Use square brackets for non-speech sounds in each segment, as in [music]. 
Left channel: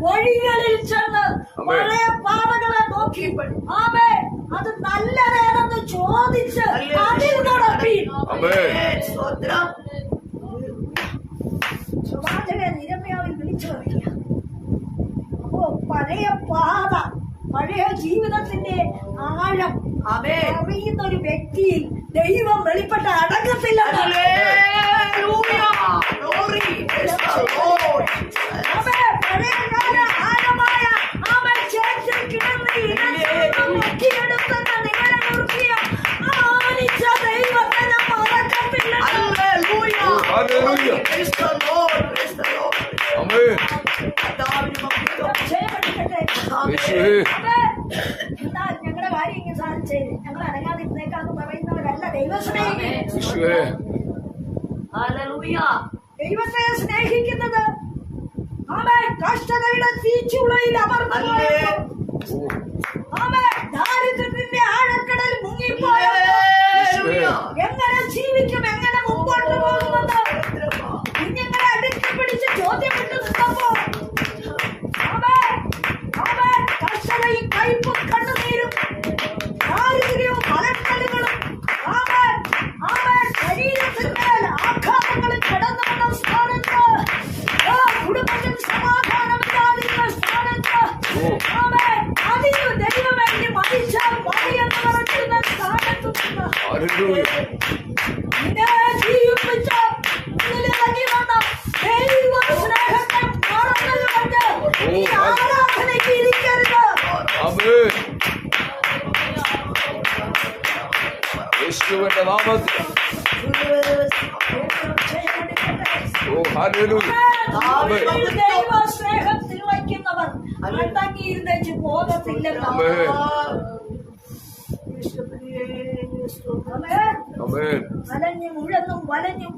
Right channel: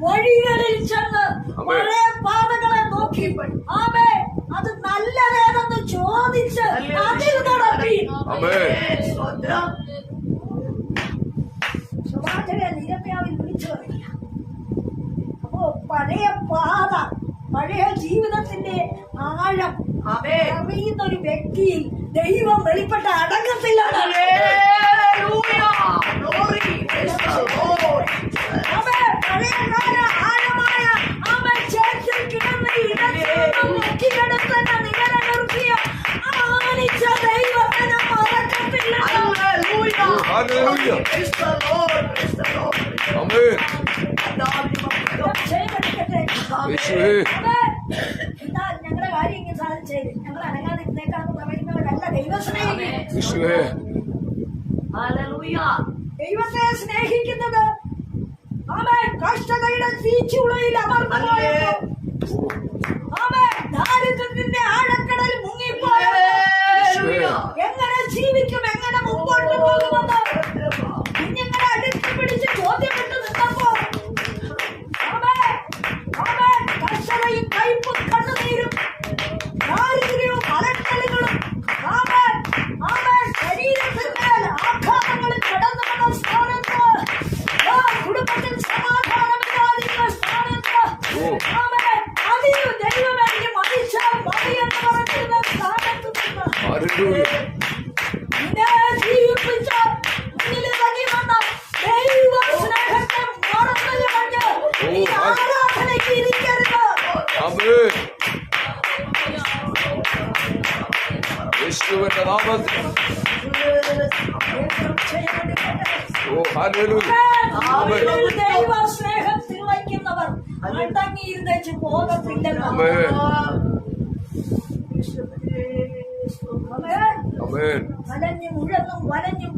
വഴികളിൽ ചെന്ന് കുറെ പാതകളെ നോക്കി ആമേ അത് നല്ലതേതെന്ന് ചോദിച്ച് അതിൽ നടത്തി. നിരമ്യാവിൽ വിളിച്ചു അപ്പോ പഴയ പാത പഴയ ജീവിതത്തിന്റെ ആഴം അറിയുന്ന ഒരു വ്യക്തിയിൽ ദൈവം വെളിപ്പെട്ട അടങ്ങത്തില്ല Hallelujah. Hallelujah. Praise the Lord. Praise the Lord. ആമേ. എന്താ ഞങ്ങളുടെ കാര്യം ഇങ്ങനെ സാധിച്ചേ ഞങ്ങൾ അനങ്ങാതിരുന്നേക്കാന്ന് പറയുന്നവരല്ല ദൈവം സ്നേഹിക്കും. ദൈവത്തെ സ്നേഹിക്കുന്നത് ആമേ കഷ്ടതയുടെ തീച്ചുളയിൽ അമർന്നു പോയപ്പോ ഓ. ആമേ ദാരിദ്ര്യത്തിന്റെ ആഴക്കടൽ Hallelujah. എങ്ങനെ ജീവിക്കും? എങ്ങനെ മുമ്പോട്ട് പോകുമെന്ന്. കുഞ്ഞുങ്ങളെ അടുക്കി പിടിച്ച് ചോദ്യപ്പെട്ട് നിന്നപ്പോ. ആമേ ആമേ കർഷകയും കയ്പും യേശുവിന്റെ നാമത്തിൽ ഓ ഹല്ലേലൂയ ആമേൻ ദൈവ സ്നേഹത്തിൽ വയ്ക്കുന്നവർ അടങ്ങിയിരുന്നേച്ച് പോകത്തില്ലെന്ന് ആമേൻ ആമേൻ. ആമേൻ അലഞ്ഞും ഉഴന്നും വലഞ്ഞും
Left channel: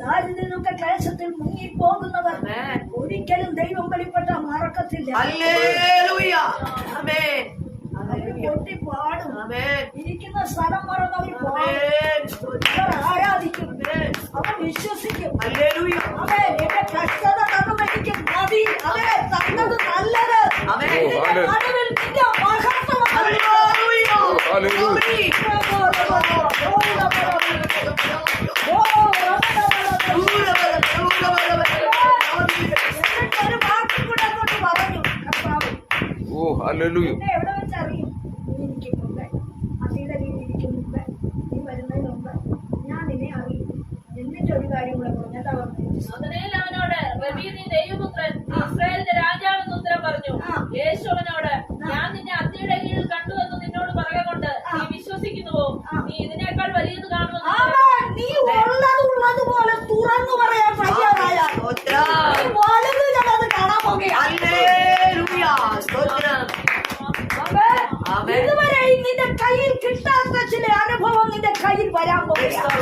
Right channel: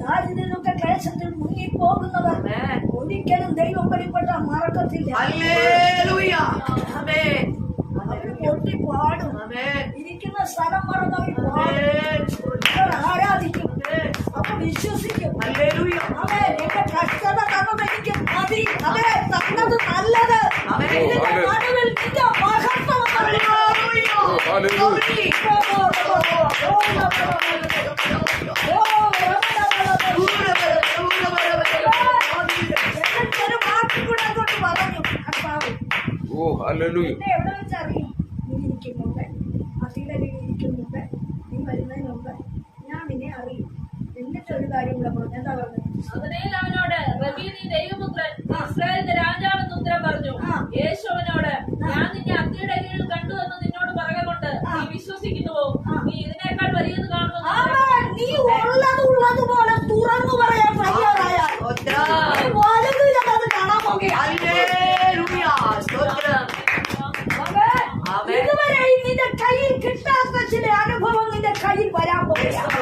ദാരിദ്ര്യമൊക്കെ ക്ലേശത്തിൽ മുങ്ങിപ്പോകുന്നവർ ഒരിക്കലും ദൈവം വെളിപ്പെട്ട മറക്കത്തില്ല. അവർ. ഇരിക്കുന്ന സ്ഥലം മറന്നവർ. അവർ ആരാധിക്കും? അവർ വിശ്വസിക്കും. എന്റെ കഷ്ടത തന്നത് എനിക്ക് മതി. അവരെ തന്നത് നല്ലത്. ഓ അവനോട് ദൈവപുത്രൻ ഇസ്രായേലിന്റെ രാജാവെന്ന് ഉത്തരം പറഞ്ഞു. ആ. യേശു അവനോട് ഞാൻ നിന്നെ അത്തിയുടെ കീഴിൽ കണ്ടു എന്ന് നിന്നോട് പറയുക കൊണ്ട് നീ വിശ്വസിക്കുന്നുവോ ആ. നീ ഇതിനേക്കാൾ വലിയത് കാണുമെന്ന് നീ ഉള്ളത് ഉള്ളതുപോലെ തുറന്നു പറയാൻ തയ്യാറായാൽ സ്തോത്രം. നീ വലുത് അത് കാണാൻ. ഇതുവരെ നിന്റെ കയ്യിൽ കിട്ടാത്ത ചില അനുഭവം നിന്റെ കയ്യിൽ വരാൻ പോകുകയാണ്.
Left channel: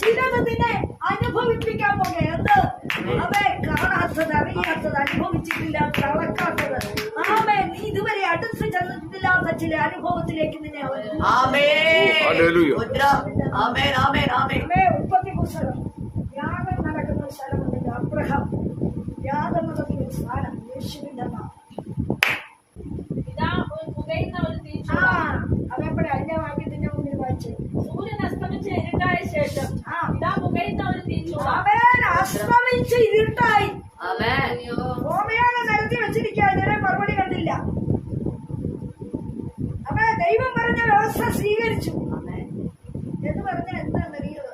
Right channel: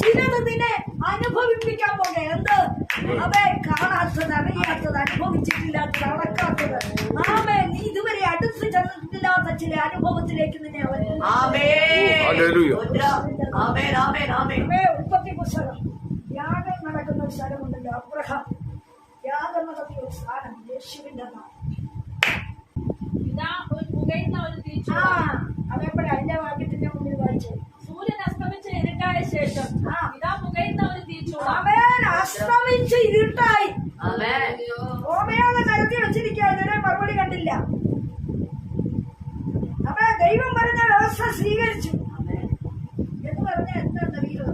ചിലത് നിന്നെ അനുഭവിപ്പിക്കാൻ പോകുക എന്ത്? അവേ കാണാത്തത് അറിയാത്തത് അനുഭവിച്ചിട്ടില്ലാത്തത് അളക്കാത്തത് ആമേ നീ ഇതുവരെ അടുത്ത് ചെന്നിട്ടില്ലാത്ത ചില അനുഭവത്തിലേക്ക് നിന്നെ ഉൽപ്പത്തി പുസ്തകം യാഗം നടക്കുന്ന ഒരു സ്ഥലമുണ്ടല്ലോ അബ്രഹാം. യാഗം നടത്തിയ ഒരു സ്ഥാനം യേശുവിന്റെ നാം അതിന്റെ വാക്യത്തിന്റെ മുന്നിൽ വായിച്ചു? സൂര്യൻ അസ്തമിച്ച ഇരുട്ടായ ശേഷം ഇതാ പുകയുന്ന ഒരു തീച്ചുള അവൻ അസ്തമിച്ച് ഇരുട്ടായി. ഹോമയാഗം നടത്തി വെച്ചിരിക്കുക ഇതുവരെ മറുപടി കണ്ടില്ല അപ്പൊ ദൈവം പറഞ്ഞ വ്യവസ്ഥ സ്വീകരിച്ചു. എന്ന് പറഞ്ഞാൽ എന്താണെന്നറിയോ?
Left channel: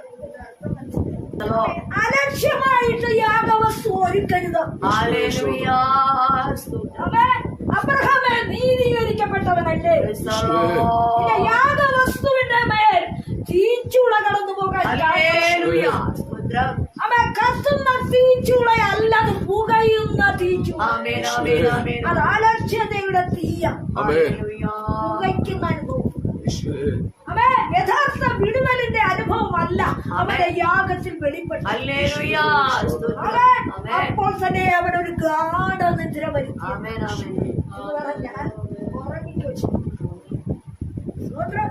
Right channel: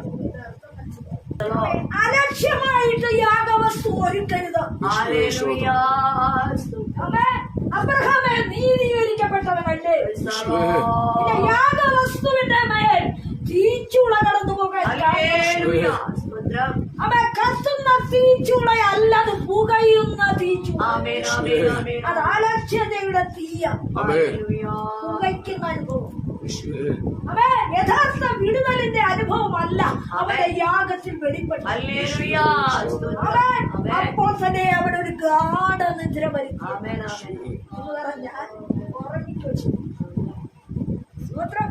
അലക്ഷ്യമായിട്ട് യാഗവസ്തു ഒരുക്കരുത്. അബ്രഹാമേ നീതീകരിക്കപ്പെട്ടവനല്ലേ? പിന്നെ. യാഗവസ്തുവിന്റെ മേൽ തീച്ചുള കടന്നു പോകാൻ കാരണം. കത്തുന്ന കത്തുന്ന തീച്ചുളയല്ലത് പുകയുന്ന തീച്ചുള. അത് അലക്ഷ്യതയുടെ തീയ. പുകയ്ക്കുന്ന അനുഭവം. അവൻ യഥാർത്ഥ വിടുതലിന്റെ അനുഭവമല്ല. അവന്റെ യാഗത്തിൽ വെളിപ്പെട്ടു. അവൻ അപ്പോൾ തന്നെ അവൻ ഒരു ഗാഠനിദ്ര വരുത്തി. Amen. Amen. എന്ന് പറഞ്ഞാൽ ഉറങ്ങിക്കോ സ്വത്രം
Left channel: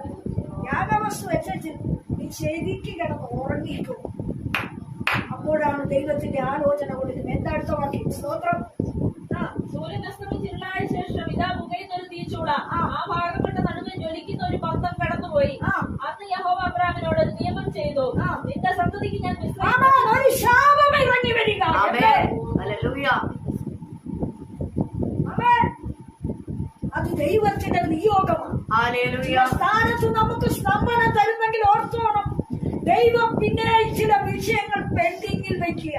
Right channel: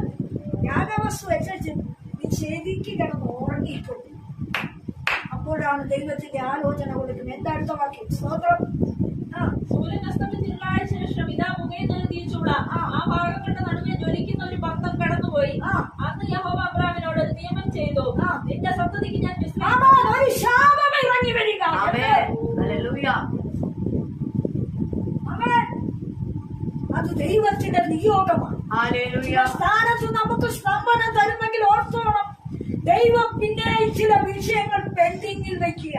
യാഗവസ്തു വെച്ചു നീ ശരിക്ക് കിടന്ന് ഉറങ്ങിക്കോ. അപ്പൊ അപ്പോഴാണ് ദൈവത്തിന്റെ ആലോചന കൊടുക്കുന്നത് എന്താ അടുത്ത വാക്യം? സ്തോത്രം സൂര്യൻ അസ്തമിച്ചിരുളായ ശേഷം ഇതാ പുകയുന്ന ഒരു തീച്ചൂള. ആ. ഭാഗങ്ങളുടെ നടുവെ ജ്വലിക്കുന്ന ഒരു പന്തം കടന്നുപോയി. അന്ന് യഹോവ അബ്രാമിനോട് നിയമം ചെയ്തു. നിന്റെ സന്തതിക്ക് ഞാൻ. ഒരു ശാപം ഇറങ്ങി വരിക. അത് ദൈവത്തിന്റെ നിയോഗമാണ്. സ്ഥാനത്ത് നമുക്ക് സ്തംഭനം തരുന്നെങ്കിൽ ഓർത്തോണം. ദൈവം പിന്നെ ചില വിഷയങ്ങൾ പെൻഡിങ്ങിൽ വെക്കുക.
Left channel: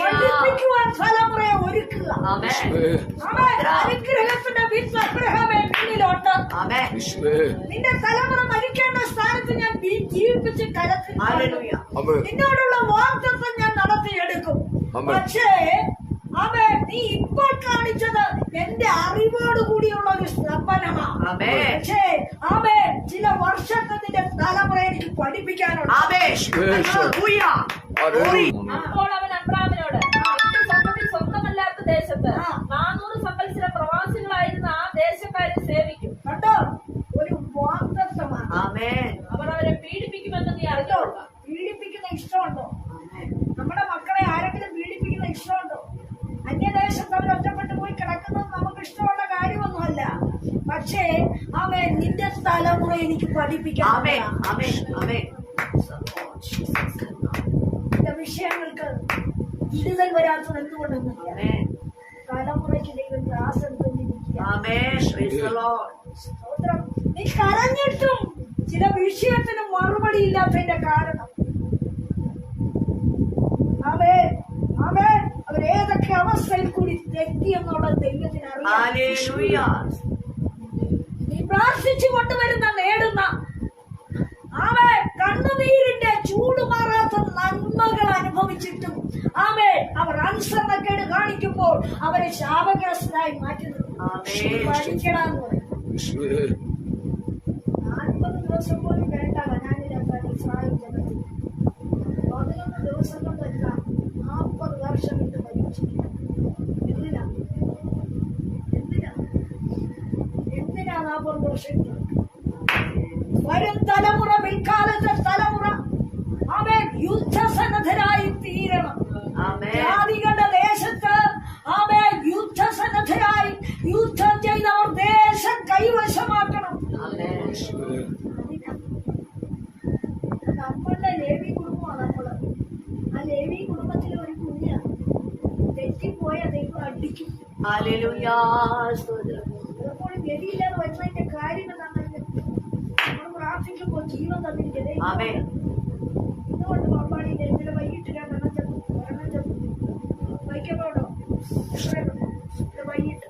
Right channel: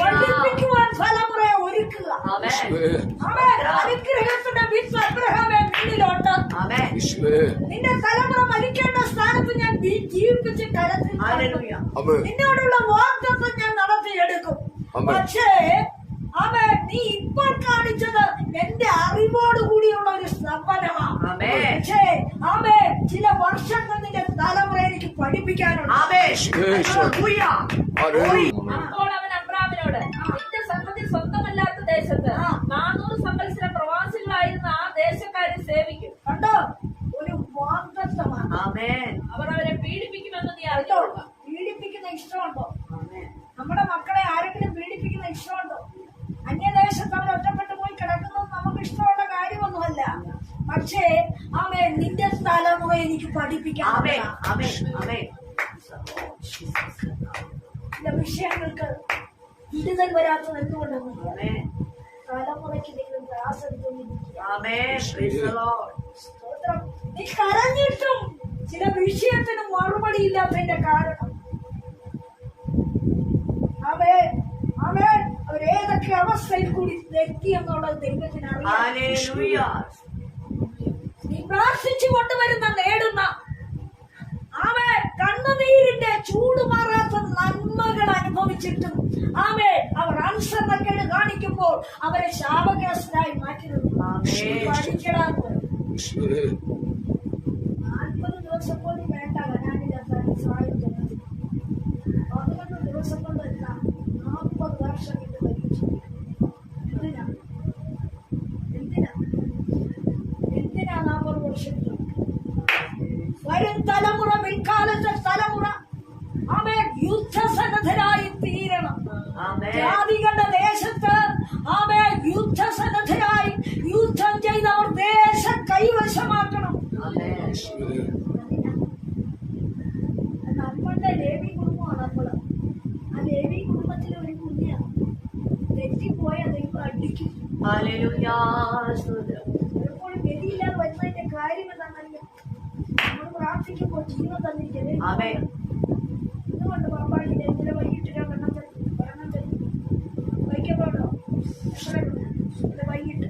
പഠിപ്പിക്കുവാൻ തലമുറയെ ഒരുക്കുക. ആമേൻ. ആമേൻ. അനുഗ്രഹത്തിന്റെ ആമേൻ. യേശുവേ നിന്റെ തലമുറ മരിക്കേണ്ട സ്ഥാനത്ത് ഞാൻ ജീവിപ്പിച്ച് കരത്തിൽ ആമേൻ നിന്നോടുള്ള വാഗ്ദത്വം ഞാൻ നടത്തിയെടുക്കും. ആമേൻ. പക്ഷേ ആമേ നീ ഇപ്പോൾ കാണിച്ചത് എന്റെ അറിവോട് കൂടിയുള്ള ഒരു സ്തംഭനമാണ് ആമേൻ പക്ഷേ ആമേ ചില വർഷങ്ങൾ നിന്റെ തലമുറ എനിക്ക് പഠിപ്പിക്കാനുണ്ട്. അപ്പോൾ അവൻ അബ്രാമിനോട് നിന്റെ സന്തതി സ്വന്തമല്ലാത്ത ദേശത്ത്. നാനൂറ് സംവത്സര പ്രവാസികളായിരുന്ന ആ ദേശക്കാരെ സേവിക്കും. കണ്ടോ? ഒരു വാക്തത്വമാണ് ആമേൻ അവർ അവരെ പീഡിപ്പിക്കുമെന്ന് നീ അറിഞ്ഞോളുക പീഡിപ്പിക്കുന്ന ഇഷ്ടമുണ്ടോ? ആമേൻ നമ്മുടെ മക്കളെ ആരെങ്കിലും പീഡിപ്പിക്കുന്ന ഇഷ്ടമുണ്ടോ? അന്യദേശത്ത് അവർ ഒറ്റപ്പെട്ടു പോയി കിടക്കുന്നത് നമുക്ക് ഇഷ്ടമുള്ള കാര്യമൊന്നുമല്ല. പക്ഷേ ആമേ നിന്റെ തലമുറ എനിക്ക് പഠിപ്പിക്കാം വിഷയങ്ങൾക്ക് വിടുതൽ വരാത്തത് എന്തുകൊണ്ടെന്നില്ല ആമേൻ. തലമുറയ്ക്ക് ദൈവം ക്ലാസ് സ്തോത്രം. നീ കരഞ്ഞിട്ടും ചില വിഷയത്തിന് മറുപടി ഇല്ലാത്തതിന്റെ കാരണം. അവേ അവരേതൊക്കെ അവസ്ഥയിൽ കൂടി തെറ്റി എന്നുള്ളത് ദൈവത്തിന് അറിയാം. നീ പ്രാർത്ഥിച്ചു കൊണ്ടുവരുന്ന നേടുന്ന ആമേ കണ്ണുനീരിന്റെ ചൂടുമാറാത്ത നന്മകൾ അനുഭവിച്ചിട്ടും ആമേ അവർ അനുസരണക്കേട് കാണിക്കുമ്പോൾ അവരെ ശാപഗ്രസ്തരായി മാറ്റുന്നു. പഠിക്കണമെന്ന് നാൽപ്പത് ദിവസം പോലും വേണ്ട കനാനിലെത്താൻ ഇസ്രായേൽ ജനത്തിൽ പതിനൊന്ന് ദിവസം കൊണ്ട് എത്താം നാൽപ്പത് വർഷം ഇട്ട് ഭരിച്ചു എന്തിനാ? എന്തിനാ? എന്തിനാ നാൽപ്പത് വർഷം ഇട്ട്? വരും തലമുറ പിൽക്കാലത്തെ തലമുറ. അവൻ യുദ്ധസന്നദ്ധരായി തീരണം. ജാതികളുടെ ദേശത്ത് അവൻ യുദ്ധസന്നദ്ധരായി യുദ്ധം ചെയ്തവർ ദേശം കൈവശമാക്കണം. നമ്മളുടെ ലേവി കുടുംബമാണ് നമ്മൾ. ലേവി കുടുംബത്തിലെ ഒരു കുഞ്ഞാണ്. തെറ്റിപ്പോയ ദൈവം അടിക്കും പലപ്പോഴും ഗതിയില്ലാതെ വരുന്നതിന്റെ കാര്യം എന്താണെന്ന് നമ്മൾ പ്രാർത്ഥിക്കുമ്പോൾ ജീവൻ തന്നിരിക്കുന്നത് ആമേൻ ഇന്നുകൊണ്ട് പാമ്പാടിയിൽ ഇന്നലെ വൈകിട്ട് രണ്ടെണ്ണം ചെത്തു ഒരെണ്ണം ചെത്തു വൈക്കപ്പോട്ടോ? എത്രയുണ്ട് ഇന്നലെ വൈകിട്ട്.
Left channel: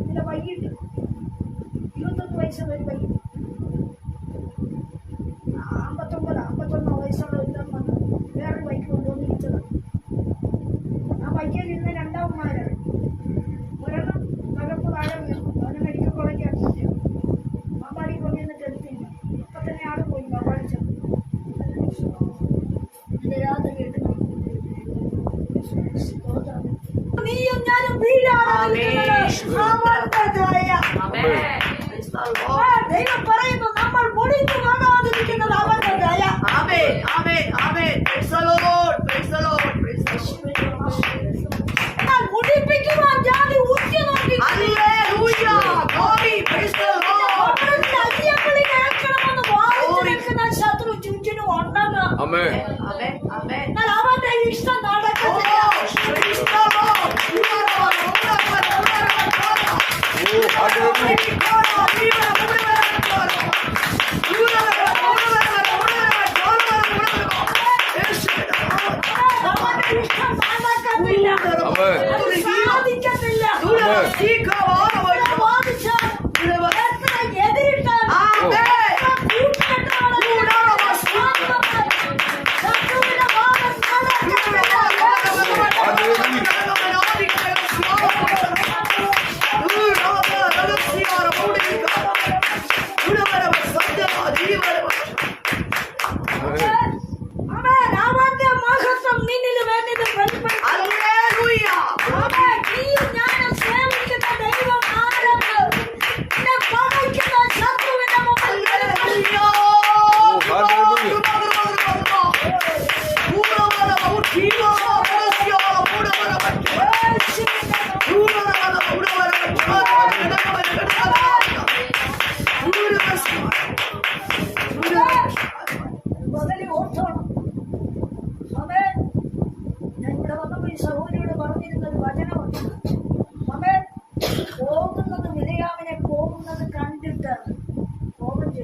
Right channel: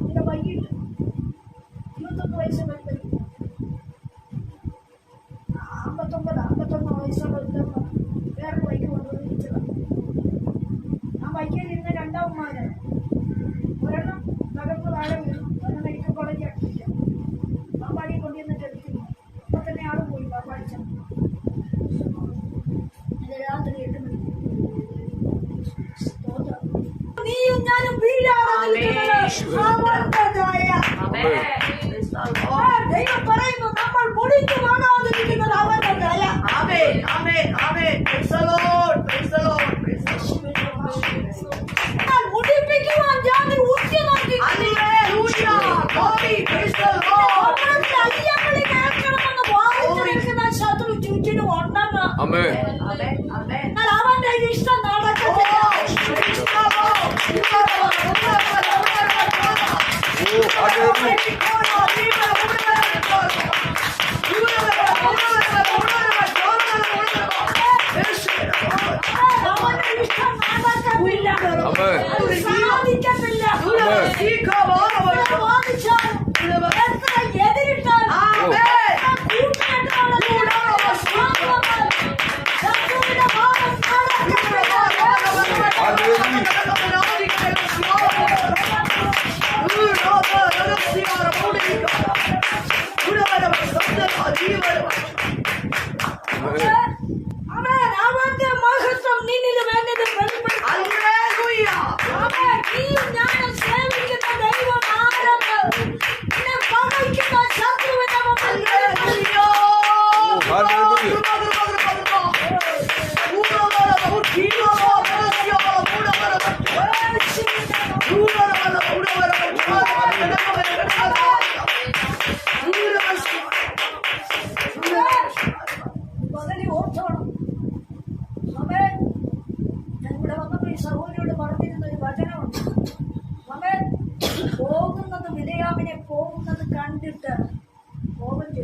ഇന്നലെ വൈകിട്ട്. ഇരുപത്തൊന്ന് വയസ്സ് ഒരു தெய்வ பறையுது நம்மள் முடித்து ஒன்னா ஆமே நான் இஷ்டம் நடக்கிறது അവരുടെ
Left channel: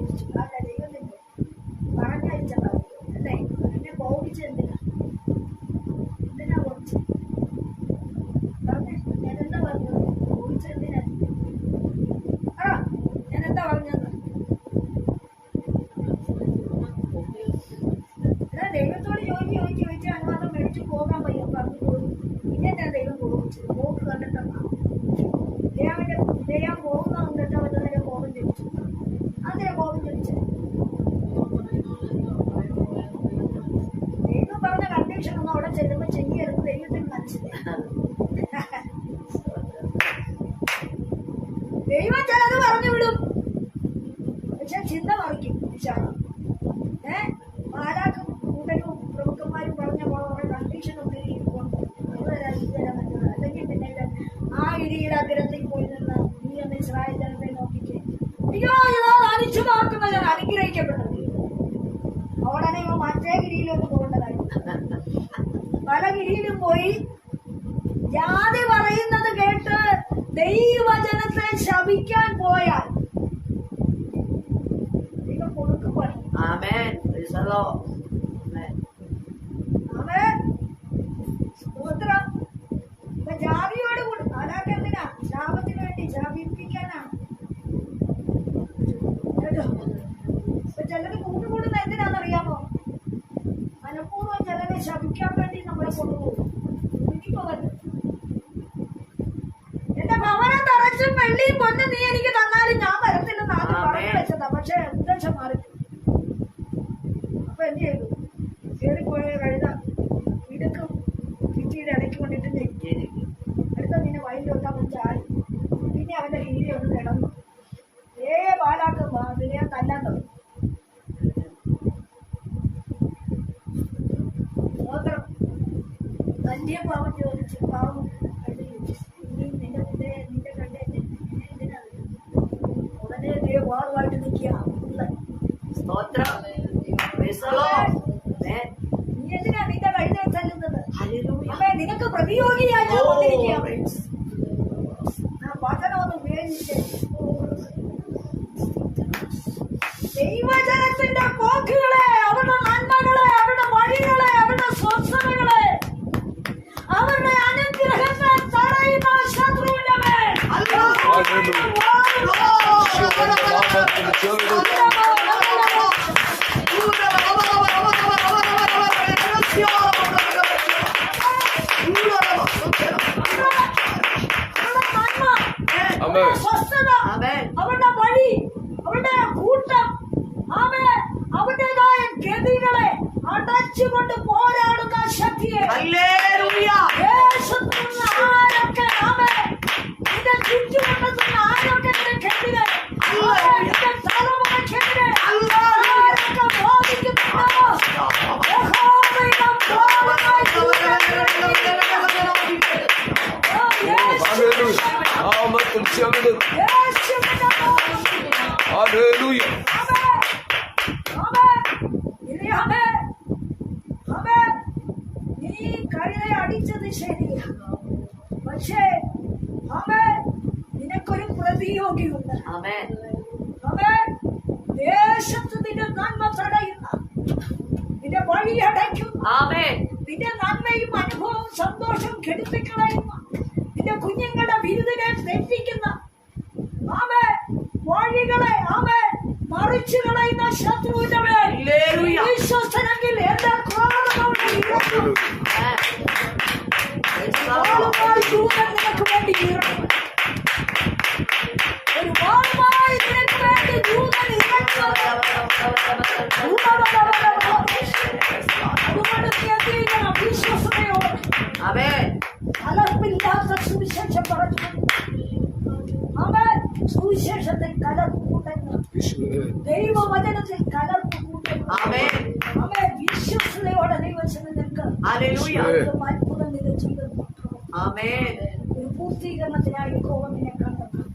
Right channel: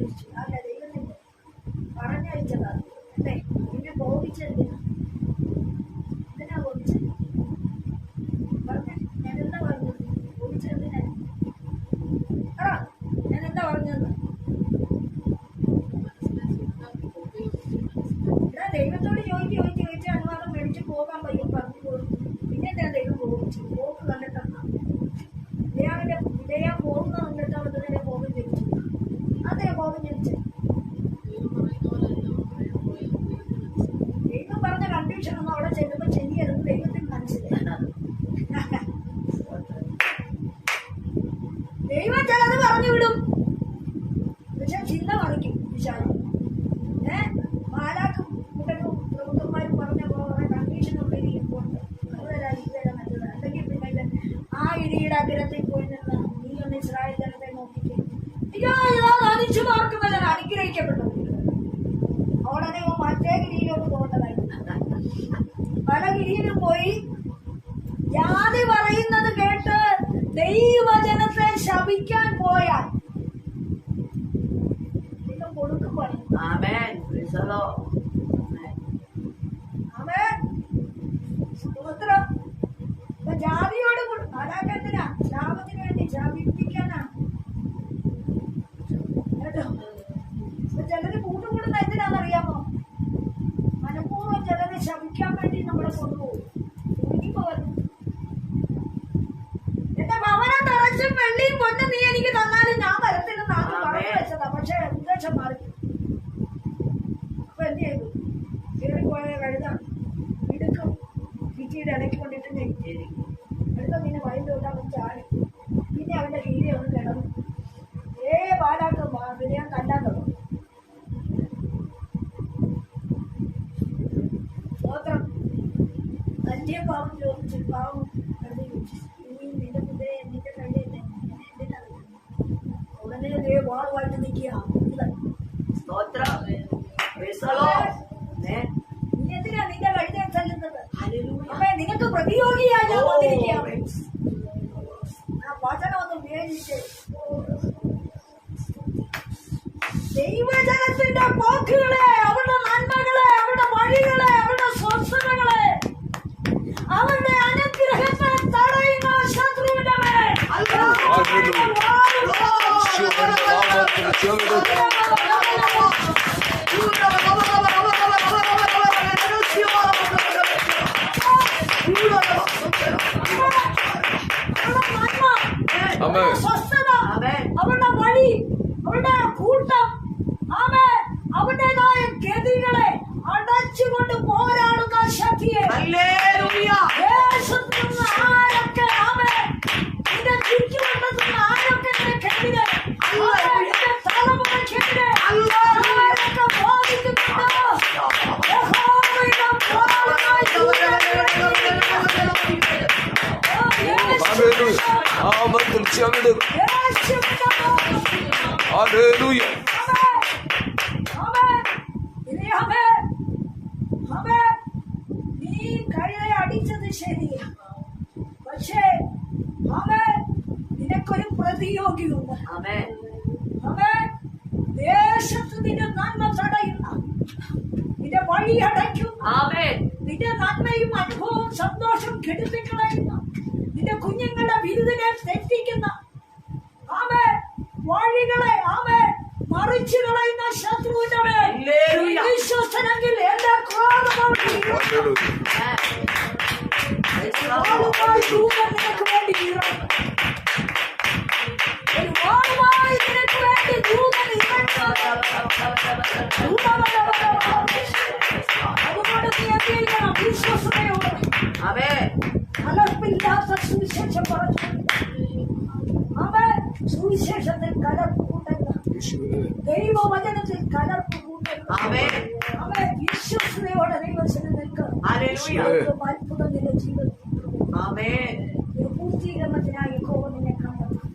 ജ്വലിച്ചു അല്ല ദൈവത്തിന്റെ പറഞ്ഞയച്ചതാണ് അല്ലേ? എന്നെ കോപിച്ചെന്തിനാ എന്തിനാ കോപിച്ചത് പറഞ്ഞേ ഞാൻ എന്താ പറഞ്ഞത് കോപിച്ചെന്തിനാ ആ ഞാൻ എന്താ പറഞ്ഞത് എടാ ദൈവത്തോട് ചോദിച്ച് ചോദിച്ച് ചോദിച്ച് അനുവാദം മേടിച്ച് പോകാൻ പയ്യ പറഞ്ഞു പോയി പിന്നെ ഞാൻ ദൈവം കോപിച്ചു പോക്ക് കണ്ടിട്ടാണ് വിജയാവിന്റെ വിജയ പോകുന്ന കണ്ടിട്ട് അവന്റെ നേരെ കോപം ജനിച്ചു അതിനെ കോപം ജനിച്ചു ദൈവം പറഞ്ഞ കണ്ടീഷൻ ഒന്നും അവിടെ ചെല്ലുമ്പോ ചെയ്യരുത് ദൈവത്തിന് മനസ്സിലായി [laughs] ദൈവം ചിലത് പറഞ്ഞു വിടും. പക്ഷെ ചിന്ത മറിക്കും വിശാലം ഏ? മാലാക്കും കൂട്ടരും പ്രമുഖന്മാരും പറഞ്ഞ കുറെ കണ്ടീഷൻ ഒക്കെ ഇരിപ്പുണ്ട് അത് തരാം ഇത് തരാം നല്ലത് അല്ലെങ്കിൽ പിന്നെ ആ ഇടിയുടെ അഗ്രത്തിൽ പോയി നിന്ന് നീ ഒന്ന് ഇസ്രായേൽ ജനത്തെ നോക്കിക്കേ. അയ്യോ ഇതാ അനിച്ചു പാർക്കുന്ന ഞാൻ അനുഗ്രഹിക്കപ്പെട്ടത് അവളെ ഇവ മറ്റേ ഗിരിയിലോട്ട് പോകേണ്ടതായിരുന്നു പല ഗിരിയിലും പോയി ജാതി പറയുന്നത് കേട്ട് ദൈവജനത്തെ ശപിക്കാൻ പോയാൽ കൊടുക്കും പണി. സ്തോത്രം. ജാതിയോട് കൂടി അതൊക്കെ എന്തിനാ? ശാപത്തിന് വേണ്ടി ശാപിപ്പിക്കാനാണ് കേട്ടോ? ഇപ്പൊ ചിലര് കൂട്ടുകൂടുന്ന എന്തിനാണെന്നറിയാമോ മനഃപൂർവം ചിലരെ ശപിക്കാൻ വേണ്ടി നമ്മളെ കൊണ്ടുപോകും. ഇനിയിപ്പോ വന്നു എന്റെ നിറച്ചും വെള്ളിയും പൊന്നും നീ എനിക്ക് തന്നാലും ഞാൻ വരത്തില്ലെന്ന് ആദ്യം പറഞ്ഞു വെച്ചതാ. പക്ഷെ ഉദ്ദേശം മാറി? അപ്പൊ എന്ത് ചെയ്തു? കയറിപ്പോയ കഴുത ഇടുക്കും ഭിത്തിയുടെ ഇടയ്ക്ക് കൊണ്ടിട്ട് ഞെക്കി അടുത്ത നിന്നെ വയലിലോട്ട് അവൻ ചാടി. പിന്നെ അവന്റെ കീഴെ ഒന്ന് കിടന്നു. ഏ പാലാക്കും വിനയം തല്ലാൻ തുടങ്ങി. സ്തോത്രം തല്ലിയ പാവം ചോദിച്ചു പാവം വാളുമായിട്ട് നിൽക്കുക. നീ എന്തിനാ നിന്റെ കഴുതയെ തല്ലുന്നത്. അമ്മേ നിനക്ക് പ്രതിയോഗിയായി ഞാൻ Oh, വന്നിരിക്കുക praise. ആ വചനം ഒന്ന് ഉപയോഗിച്ച്. ദൈവജനത്തിന്റെ പോക്കുകളെ അവരുടെ നന്മകളെ അവരുടെ വഴികളെ അവരുടെ സ്വസ്ഥതകളെ അവരുടെ അനുഗ്രഹത്തെ തടയുന്ന ശത്രുവിന്റെ മേൽ. നാമത്തിൽ ചെറുത് അവരുടെ നന്മ ആമേൻ. അവരുടെ സ്വസ്ഥത Amen. നാമത്തിൽ നാമത്തിൽ ഹല്ലേലൂയ നീ കഴുതെ അടിച്ചത് ശരിയാ പക്ഷേ അവൻ നിനക്കൊരു പ്രതിയോഗിയുണ്ട്. അവൻ ദേശത്ത് നിന്റെ നന്മ തടയുന്ന നിന്റെ വഴി Amen. നിന്റെ നന്മയും അനുഭവവും സന്തോഷം കെടുത്തിക്കളയുന്ന നിന്റെ കുഞ്ഞുങ്ങളുടെ ബിരുദിനെ തെറ്റിക്കുന്ന ആമേ വഴികളെ ആമേ മറിച്ചു കളയുന്ന ശത്രുവിന്റെ മേൽ. വിശ്വസനെങ്കിൽ എന്റെ ക്രോധം നിനക്ക് ഇറങ്ങും. യേശുവേ ദൈവവചനത്തിൽ കലർപ്പ് കൂട്ടുന്ന Amen. അവൻ വിശ്വസതയോടെ ദൈവത്തിന് നിൽക്കുക Hallelujah. അത്ഭുതം നിന്റെ ജീവിതത്തിൽ Amen. ഒരു പൂർത്തീകരണത്തിനായി യഹോവ നിന്നെ കണ്ടെത്തും